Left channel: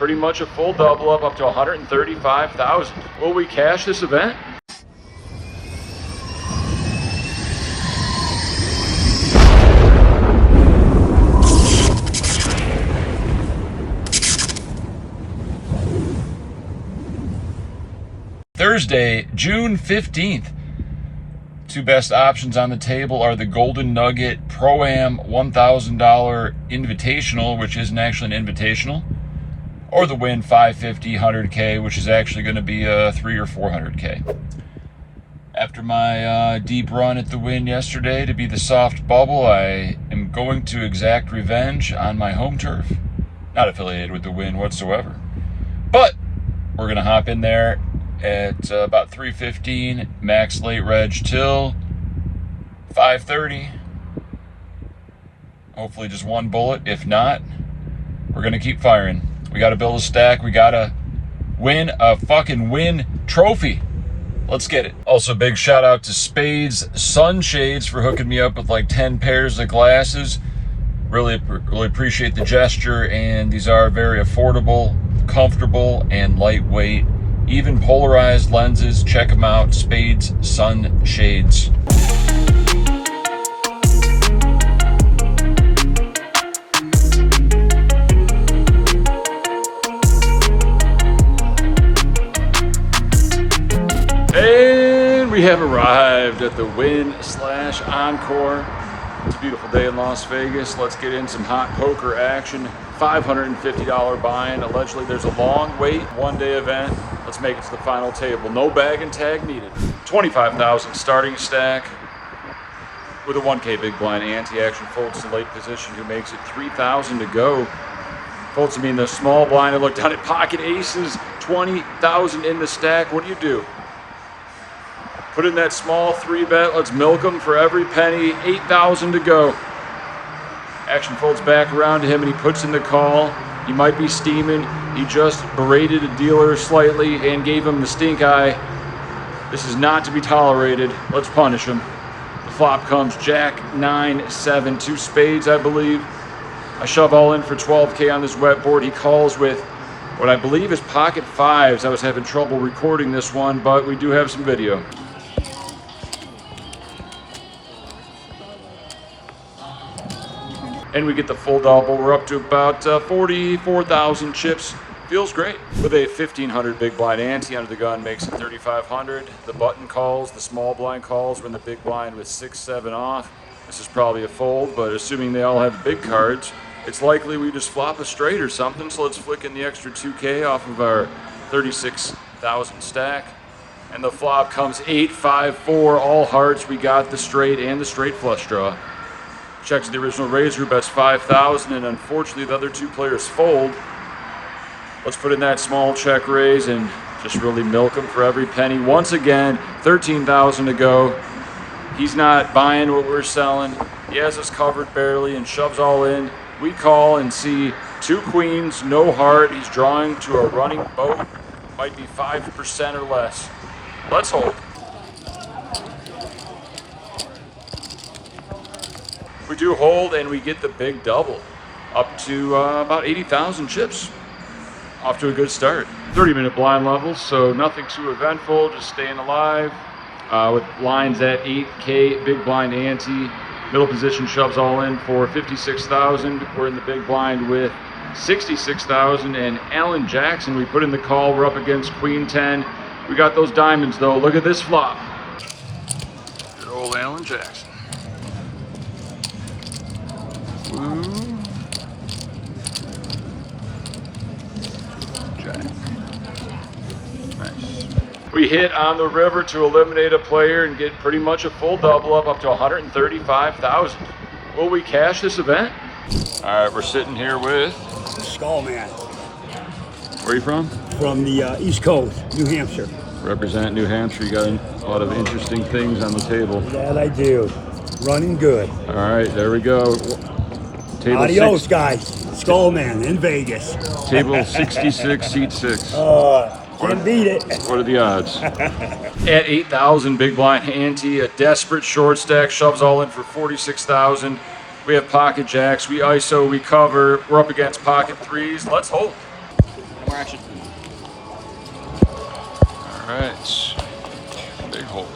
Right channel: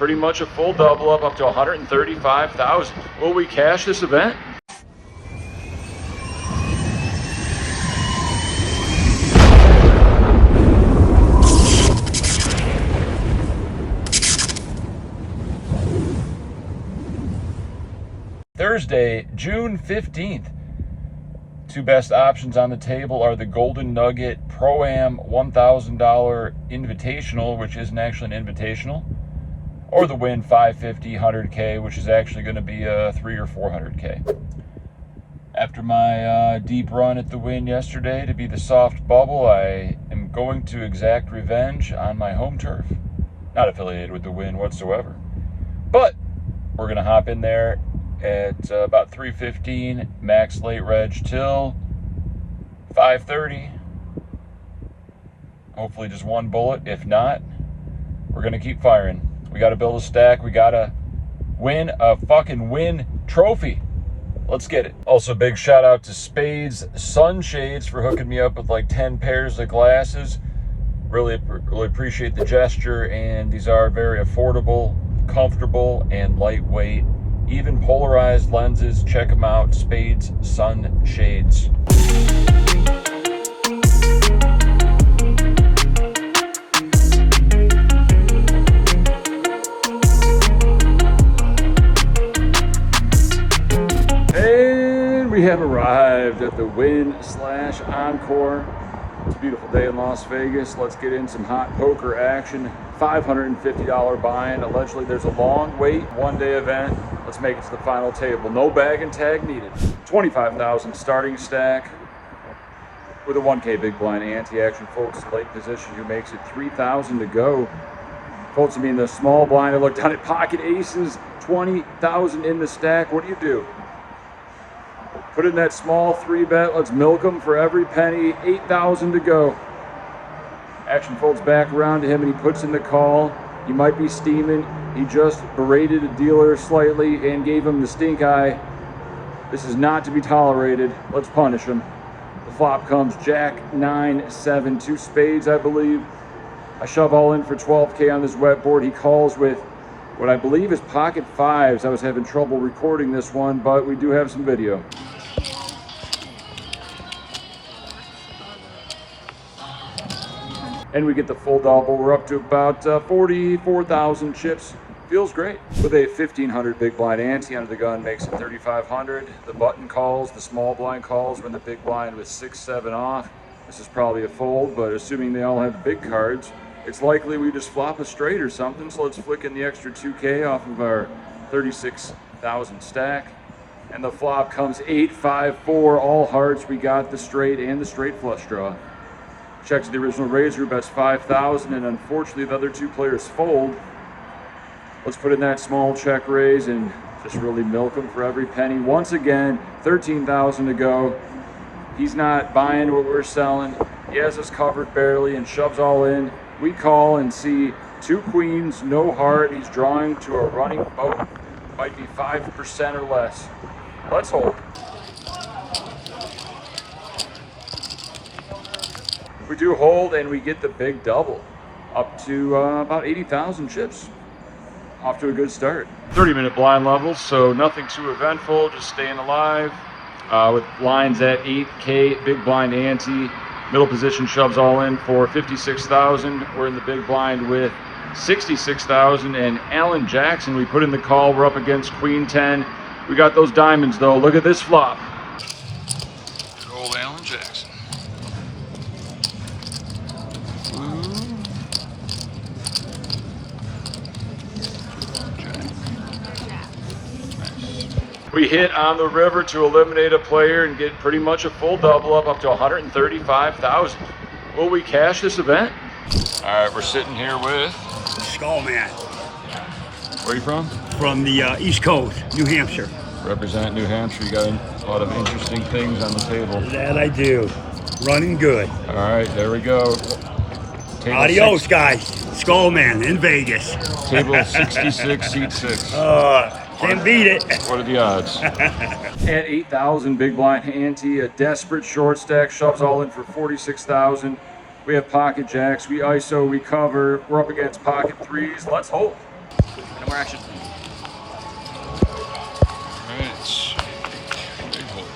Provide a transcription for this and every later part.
pretty much a full double up to 135,000. Will we cash this event? Thursday, June 15th. Two best options on the table are the Golden Nugget Pro-Am $1,000 Invitational, which isn't actually an invitational, or the Wynn 550 100K, which is actually going to be a 300 or 400K. After my deep run at the Wynn yesterday to be the soft bubble, I am going to exact revenge on my home turf. Not affiliated with the Wynn whatsoever. But we're going to hop in there at about 3:15, max late reg till 5:30. Hopefully just one bullet. If not, we're gonna keep firing. We gotta build a stack. We gotta win a fucking Wynn trophy. Let's get it. Also, big shout out to Spades Sunshades for hooking me up with like 10 pairs of glasses. Really appreciate the gesture, and these are very affordable, comfortable, and lightweight. Even polarized lenses. Check them out. Spades Sunshades. And we have arrived at the Wynn/Encore. It's a beautiful day in Las Vegas. Let's get in some hot poker action. $550 buy-in. Allegedly there's a long wait, one-day event. Let's make it to the final table. No bag and tag needed. 25,000 starting stack with a 1K big blind ante. Action folds to late position, who makes it 3,000 to go. Folds to me in the small blind. I look down at pocket aces, 20,000 in the stack. What do? Put in that small 3-bet. Let's milk them for every penny. 8,000 to go. Action folds back around to him and he puts in the call. He might be steaming. He just berated a dealer slightly and gave him the stink eye. This is not to be tolerated. Let's punish him. The flop comes Jack, 9, 7, 2 spades, I believe. I shove all in for 12K on this wet board. He calls with what I believe is pocket fives. I was having trouble recording this one, but we do have some video. And we get the full double. We're up to about 44,000 chips. Feels great. With a 1,500 big blind ante under the gun makes it 3,500. The button calls, the small blind calls when the big blind with 6, 7 off. This is probably a fold, but assuming they all have big cards, it's likely we just flop a straight or something. So let's flick in the extra 2K off of our 36,000 stack. And the flop comes 8, 5, 4, all hearts. We got the straight and the straight flush draw. Checks the original raiser, bets 5,000, and unfortunately the other two players fold. Let's put in that small check raise and just really milk him for every penny. Once again, 13,000 to go. He's not buying what we're selling. He has us covered barely and shoves all in. We call and see 2 queens, no heart. He's drawing to a running boat. Might be 5% or less. Let's hold. We do hold and we get the big double up to about 80,000 chips. Off to a good start. 30-minute blind levels, so nothing too eventful, just staying alive. With lines at 8K, big blind ante. Middle position shoves all in for 56,000. We're in the big blind with 66,000. And Alan Jackson, we put in the call. We're up against Queen 10. We got those diamonds though. Look at this flop. Good old Alan Jackson. We hit on the river to eliminate a player and get pretty much a full double up to 135,000. Will we cash this event? All right, we're sitting here with Skullman. Where are you from? From the East Coast, New Hampshire. Represent New Hampshire. You got a lot of interesting things on the table. That I do. Running good. All right, there we go. Table Adios, guys. Skullman in Vegas. Table 66, seat 6. Can't beat it. What are the odds? At 8,000, big blind ante, a desperate short stack, shoves all in for 46,000. We have pocket jacks, we ISO, we cover. We're up against pocket threes. Let's hold. scratch it. All right. Big hole.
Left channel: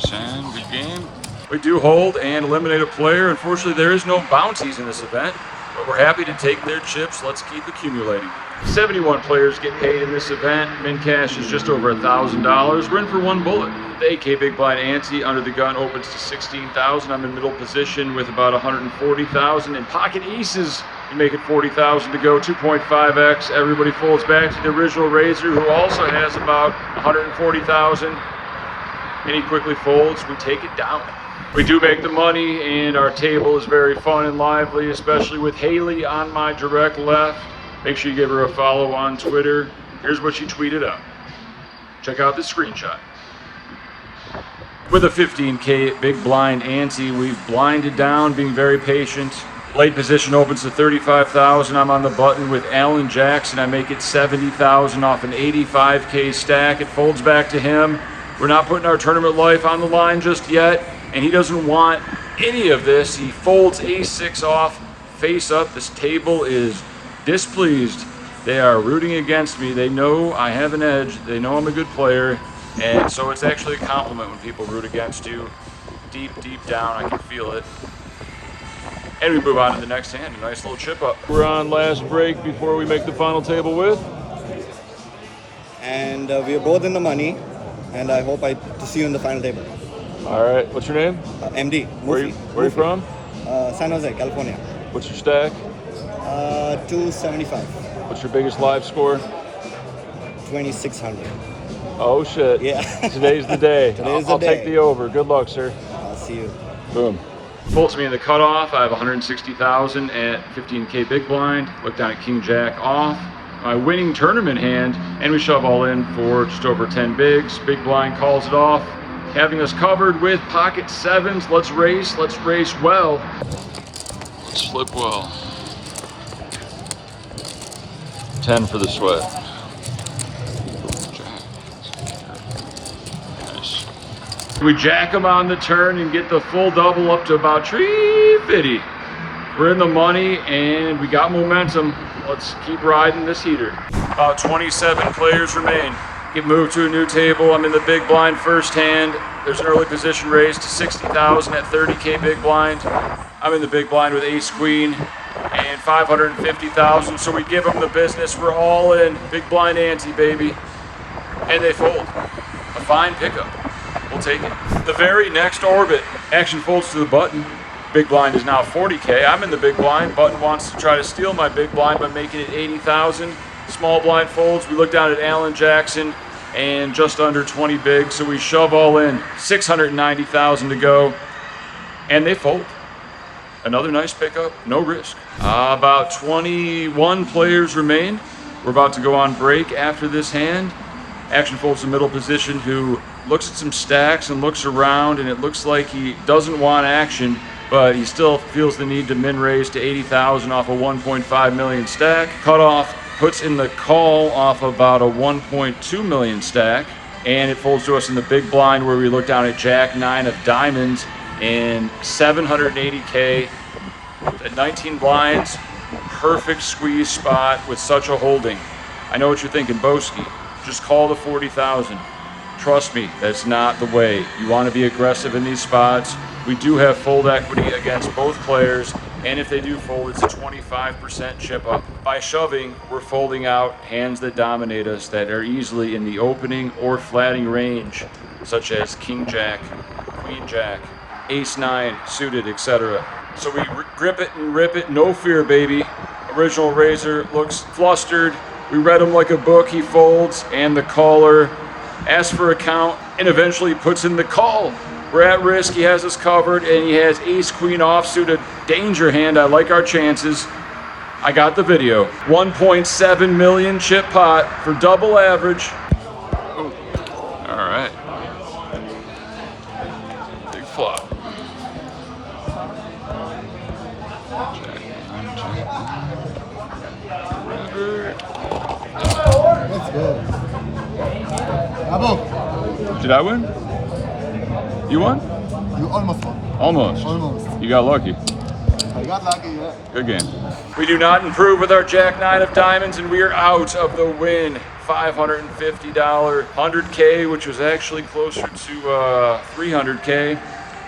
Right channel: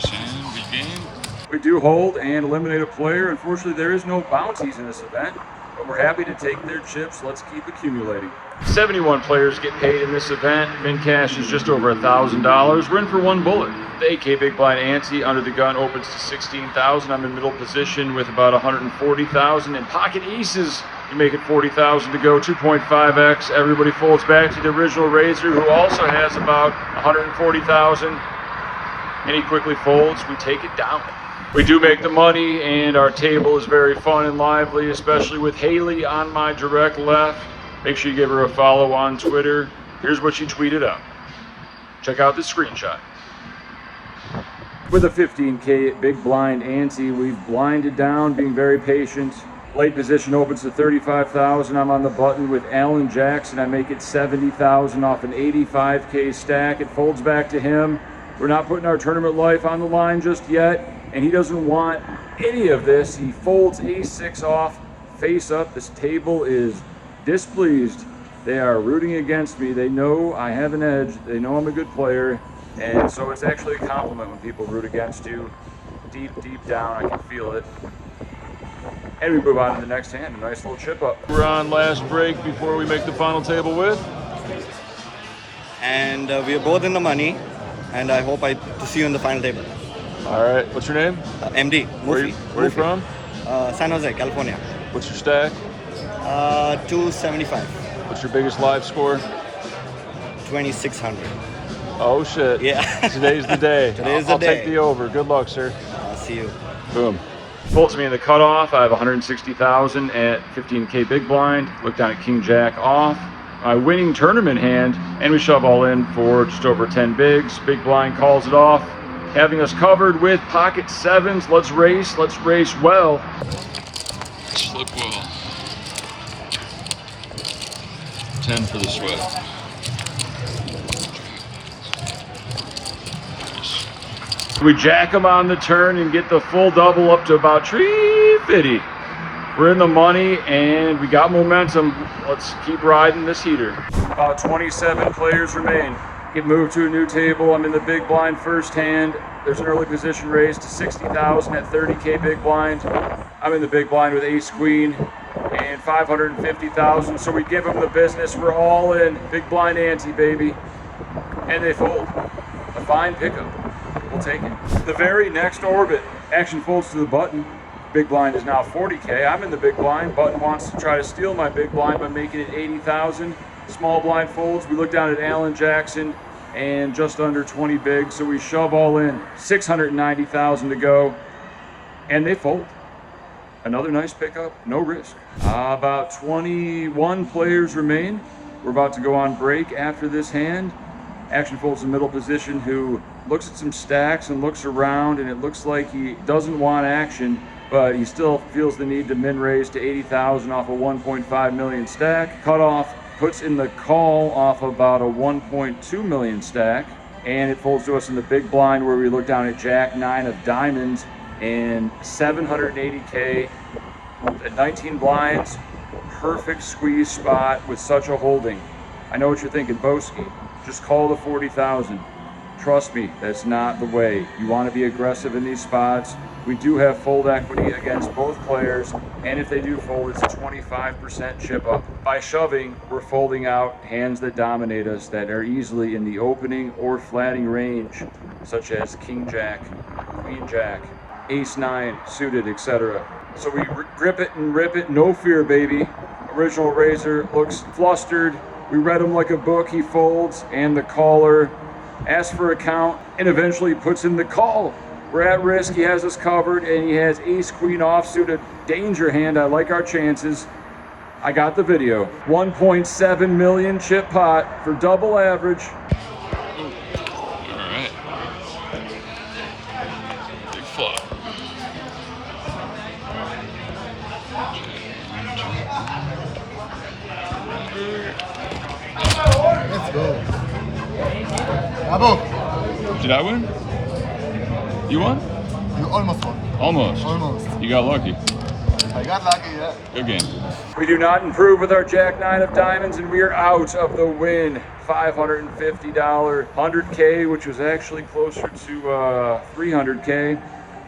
Send, good game. We do hold and eliminate a player. Unfortunately, there is no bounties in this event, but we're happy to take their chips. Let's keep accumulating. 71 players get paid in this event. Min cash is just over $1,000. We're in for one bullet. The 8K big blind ante under the gun opens to 16,000. I'm in middle position with about 140,000. And pocket aces to make it 40,000 to go. 2.5x. Everybody folds back to the original raiser, who also has about 140,000. And he quickly folds. We take it down. We do make the money, and our table is very fun and lively, especially with Haley on my direct left. Make sure you give her a follow on Twitter. Here's what she tweeted out. Check out this screenshot. With a 15K big blind ante, we've blinded down, being very patient. Late position opens to 35,000. I'm on the button with Alan Jackson. I make it 70,000 off an 85K stack. It folds back to him. We're not putting our tournament life on the line just yet, and he doesn't want any of this. He folds ace-6 off, face up. This table is displeased. They are rooting against me. They know I have an edge. They know I'm a good player, and so it's actually a compliment when people root against you. Deep, deep down, I can feel it. And we move on to the next hand, a nice little chip up. We're on last break before we make the final table with. And we are both in the money. And I hope to see you in the final table. All right, what's your name? MD, Murphy. Where are you from? San Jose, California. What's your stack? 275. What's your biggest live score? 2,600. Oh shit. Yeah. Today's the day. Today's the I'll day. Take the over. Good luck, sir. I'll see you. Boom. Folds me in the cutoff. I have 160,000 at 15K big blind. Look down at King Jack off. My winning tournament hand, and we shove all in for just over 10 bigs. Big blind calls it off, having us covered with pocket sevens. Let's race well. Slip well. 10 for the sweat. Nice. We jack them on the turn and get the full double up to about 350. We're in the money and we got momentum. Let's keep riding this heater. About 27 players remain. Get moved to a new table. I'm in the big blind first hand. There's an early position raise to 60,000 at 30K big blind. I'm in the big blind with ace queen and 550,000. So we give them the business. We're all in. Big blind ante, baby. And they fold. A fine pickup. We'll take it. The very next orbit, action folds to the button. Big blind is now 40K. I'm in the big blind. Button wants to try to steal my big blind by making it 80,000. Small blind folds. We look down at Alan Jackson and just under 20 big. So we shove all in. 690,000 to go. And they fold. Another nice pickup. No risk. About 21 players remain. We're about to go on break after this hand. Action folds to middle position, who looks at some stacks and looks around, and it looks like he doesn't want action, but he still feels the need to min raise to 80,000 off a 1.5 million stack. Cutoff puts in the call off about a 1.2 million stack, and it folds to us in the big blind, where we look down at Jack 9 of diamonds and 780K at 19 blinds. Perfect squeeze spot with such a holding. I know what you're thinking, Boski. Just call the 40,000. Trust me, that's not the way. You want to be aggressive in these spots. We do have fold equity against both players, and if they do fold, it's a 25% chip up. By shoving, we're folding out hands that dominate us, that are easily in the opening or flatting range, such as King Jack, Queen Jack, Ace 9, suited, etc. So we grip it and rip it, no fear, baby. Original raiser looks flustered. We read him like a book. He folds, and the caller asks for a count and eventually puts in the call. We're at risk. He has us covered, and he has ace queen offsuit, a danger hand. I like our chances. I got the video. 1.7 million chip pot for double average. Ooh. All right. Big flop. Let's go. Bravo. Did I win? You won? You almost won. Almost. Almost. You got lucky. I got lucky, yeah. Good game. We do not improve with our Jack 9 of diamonds, and we are out of the Wynn $550 100K, which was actually closer to 300K.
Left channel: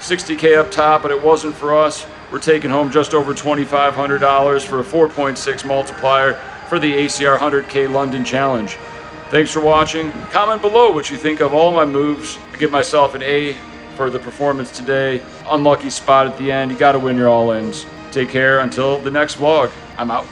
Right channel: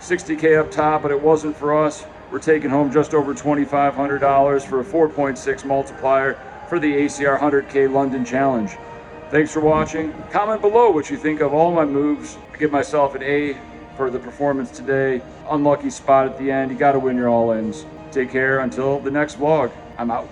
60K up top, but it wasn't for us. We're taking home just over $2,500 for a 4.6 multiplier for the ACR 100K London Challenge. Thanks for watching. Comment below what you think of all my moves. I give myself an A for the performance today. Unlucky spot at the end. You got to win your all-ins. Take care until the next vlog. I'm out.